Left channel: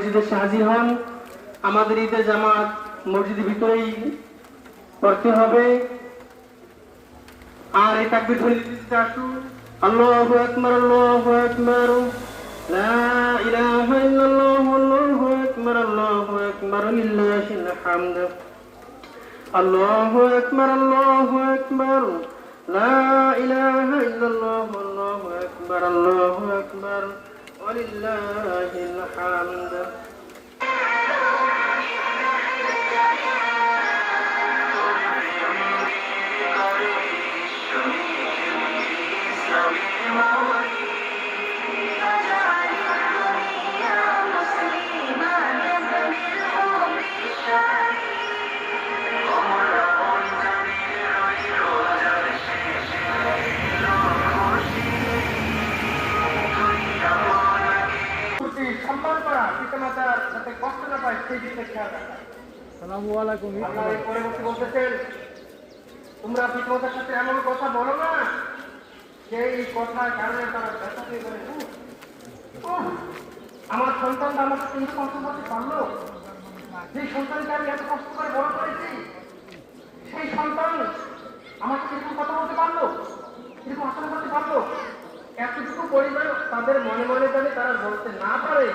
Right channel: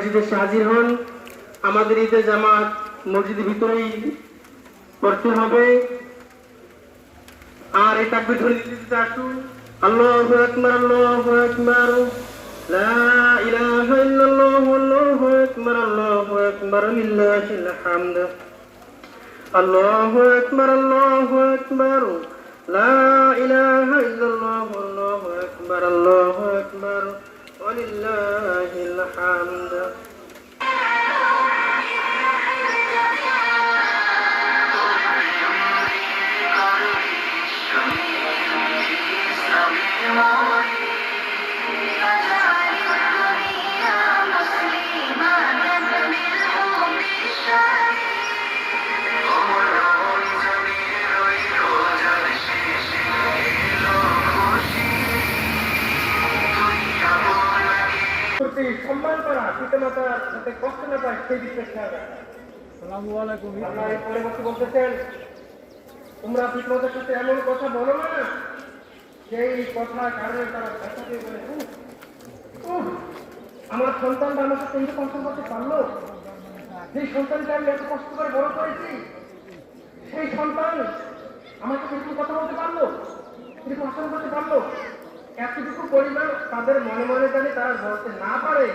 মসজিদে এসে হাজির হন। আমাদের ঈদের জামাত মসজিদের ভিতরেই পড়তে হবে। আর এই তাকবীর ধ্বনি দিতে আসুন। আল্লাহু আকবার, আল্লাহু আকবার, লা ইলাহা ইল্লাল্লাহ, আল্লাহু আকবার, আল্লাহু আকবার, লিল্লাহিল হামদ। আল্লাহু আকবার, আল্লাহু আকবার, লা ইলাহা ইল্লাল্লাহ, আল্লাহু আকবার, আল্লাহু আকবার, ওয়া লিল্লাহিল হামদ। সম্মান করা, পিতামাতার যাতে কষ্ট না পায় সেই দিকে খেয়াল রাখা। আসসালামু আলাইকুম। পরবর্তী বলতেছেন, তোমরা পিতামাতার সাথে এমন কথা বলো না সেই কথার কারণে তারা ব্যথা পেয়ে বলে, আমার সন্তানটা আমার সাথে কিন্তু কষ্ট করতে পারলো, যে সন্তানকে আমি এত কষ্ট করে বড় করেছি সেই সন্তান আমাকে কিরকম কথা বলতে পারলো, কিরকম আচরণ করতে পারলো। এতটুকু পরিমাণ তাদের মনে মনে জানি তারা বলতে না পারে